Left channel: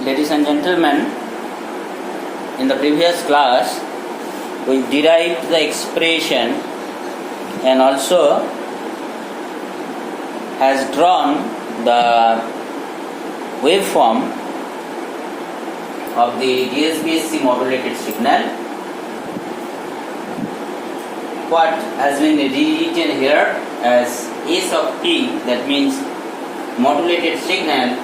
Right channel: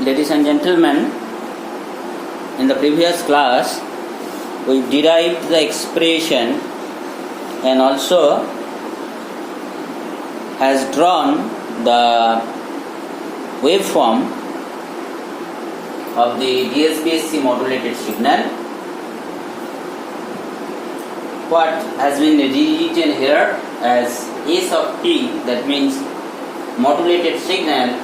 Ladies and gentlemen, in the previous class we derived the expression and also has drawn the waveform of the DSB SC modulated signal. What has been rewritten here as S of t, that means modulated signal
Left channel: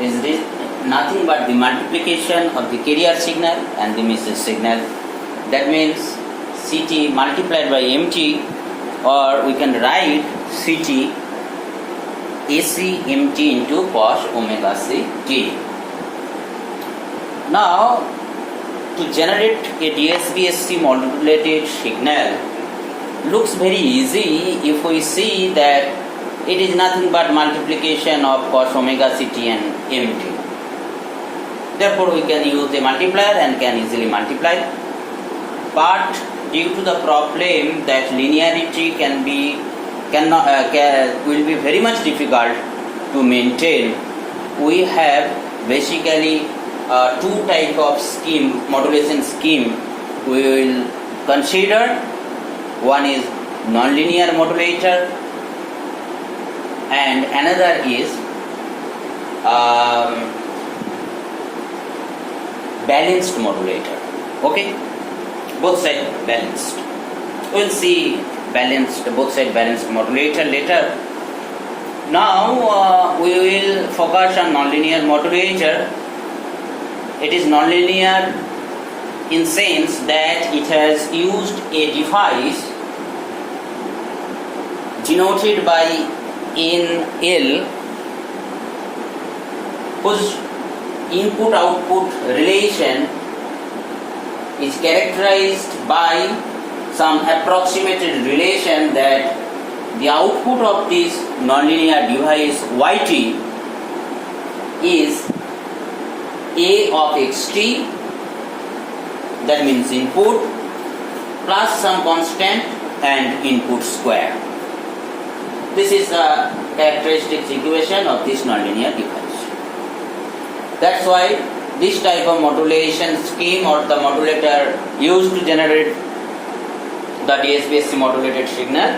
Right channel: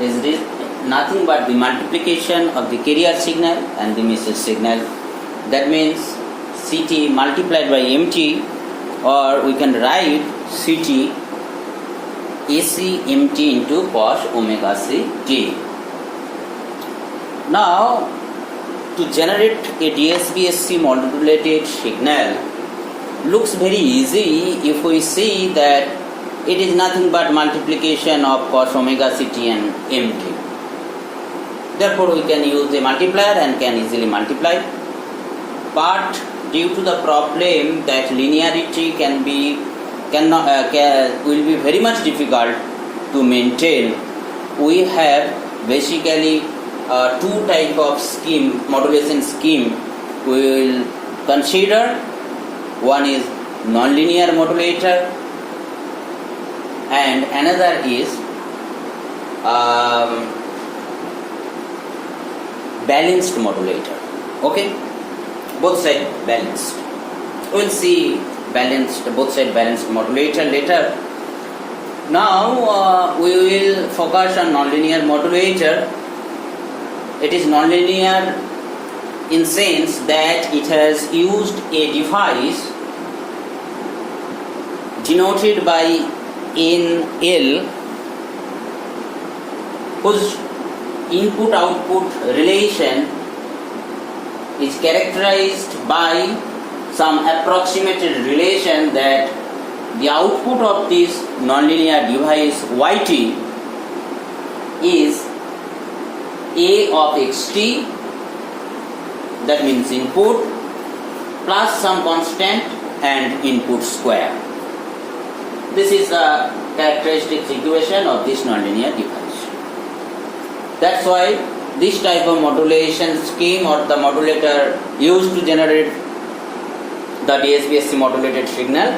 is nothing but the multiplication of the carrier signal and the message signal. That means Ct multiplied by Mt, or we can write Ct AC Mt into cos omega c t. Now, to generate a DSB SC modulated signal looks very easy if we see that it is nothing but multiplication of cos omega ct and Mt. Therefore, we can use a multiplier and can easily multiply. But due to the problem that linearity will be very much difficult to maintain, we have basically two type of modulation scheme we will consider. One is nonlinear modulator and another is balanced modulator. Okay, both sides balanced. We will see both side balanced modulator later. Now we will focus on nonlinear modulator. It is nonlinear in sense that it has used a device denoted by NL, whose input-output relation is characterized by some approximated relation that the output of this nonlinear device Yt is A of xt, that means input plus some constant and input square. This is the characteristic equation of this nonlinear device. That's why this type of modulation scheme or the modulator used to generate the DSB SC modulated signal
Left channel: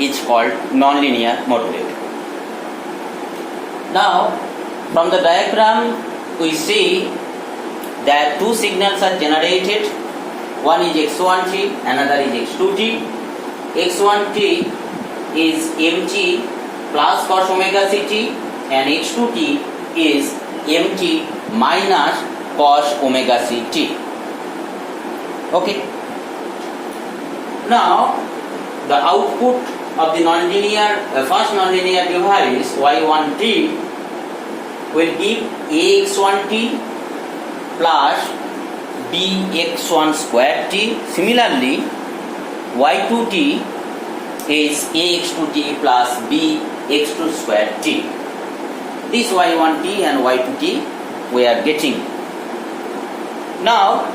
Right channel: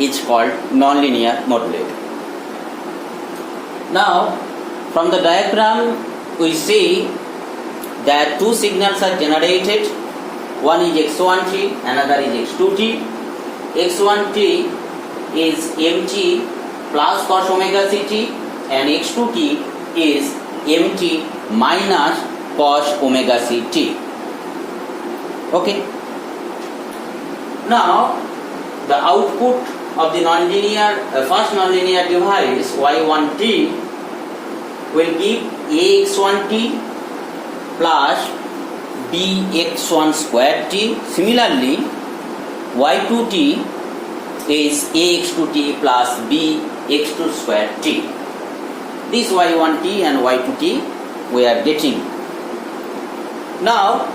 is called nonlinear modulator. Now, from the diagram we see that two signals are generated. One is x1t, another is x2t. x1t is Mt plus cos omega ct and x2t is Mt minus cos omega ct. Okay. Now, the output of the first nonlinear device y1t will give ax1t plus bx1 square t. Similarly, y2t is ax2t plus bx2 square t. This y1t and y2t we are getting. Now,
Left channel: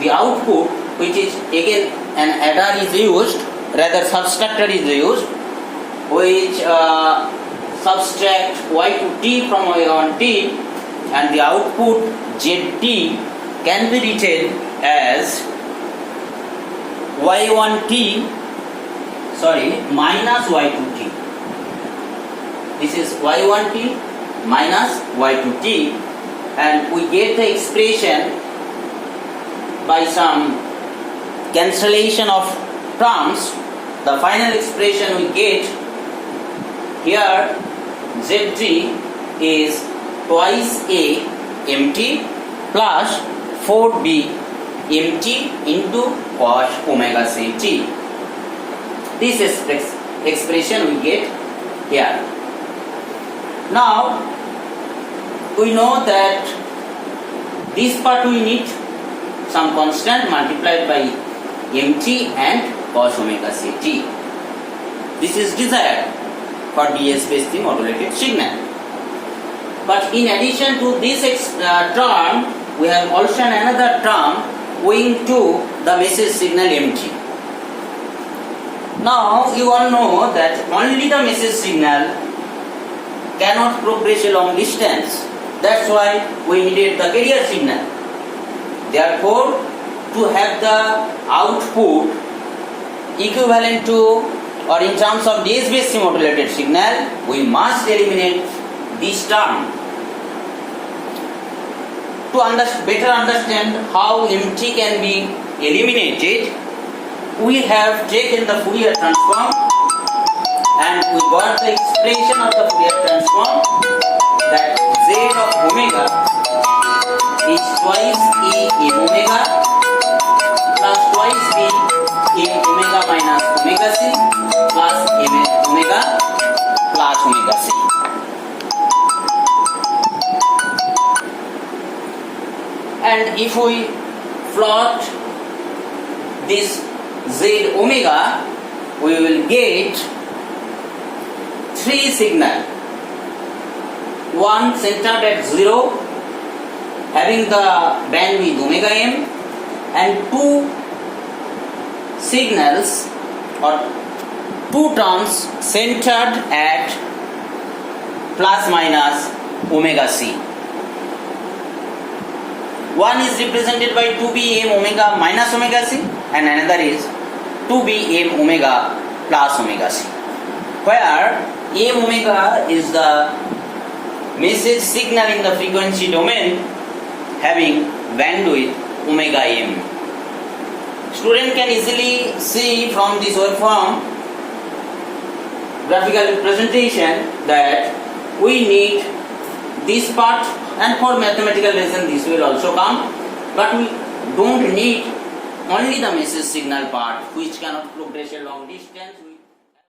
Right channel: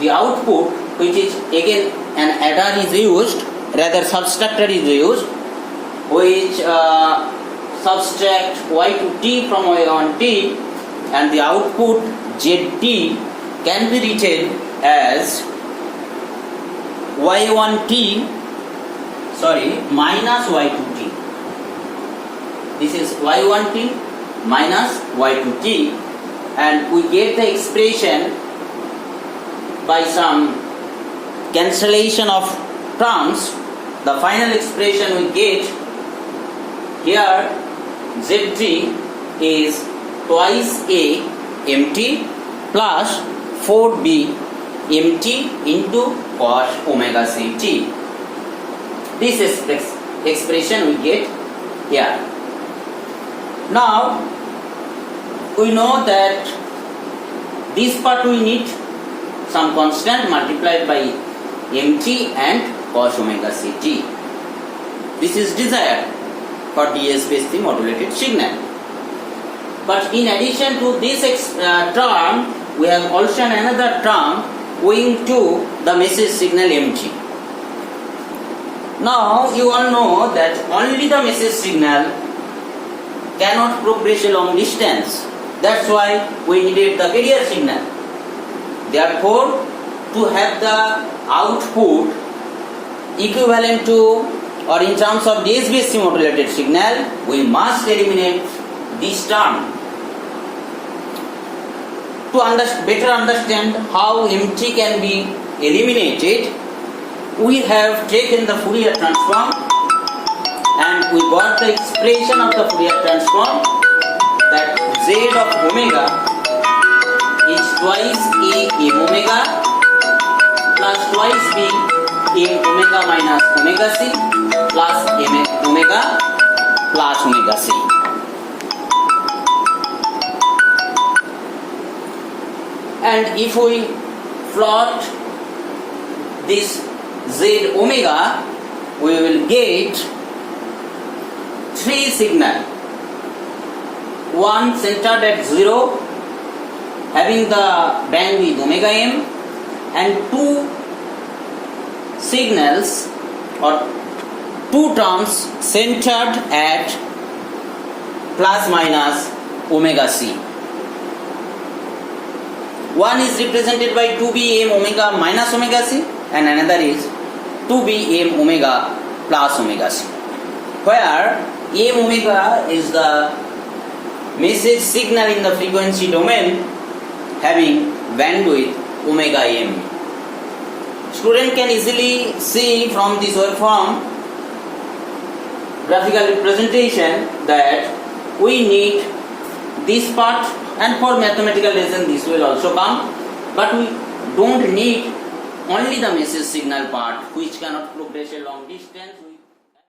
the output, which is again an adder is used, rather subtractor is used, which subtract y to t from y1t, and the output zt can be written as minus y2t. This is y1t minus y2t, and we get the expression by some cancellation of terms. The final expression we get here, zt is twice a mt plus 4b mt into cos omega ct. This is the expression we get here. Now, we know that this part we need some constant multiplied by mt and cos omega ct. This is desired for DSB SC modulated signal. But in addition to this term, we have also another term owing to the message signal mt. Now you all know that only the message signal cannot progress a long distance. That's why we needed the carrier signal. Therefore, to have the output equivalent to or in terms of DSB SC modulated signal, we must eliminate this term. To better understand how MT can be eliminated, we have taken the Fourier transform and we got the expression of the Fourier transform that Z of omega is twice A M omega plus twice B M omega minus omega C plus M omega plus omega C. And if we plot this Z omega, we will get three signals. One centered at 0, having the bandwidth omega m, and two signals or two terms centered at plus minus omega c. One is represented by 2b m omega minus omega c and another is 2b m omega plus omega c, where m omega is the message signal in the frequency domain having bandwidth omega m. Student can easily see from this waveform graphical representation that we need this part, and for mathematical reason this will also come, but we don't need only the message signal part which cannot progress a long distance.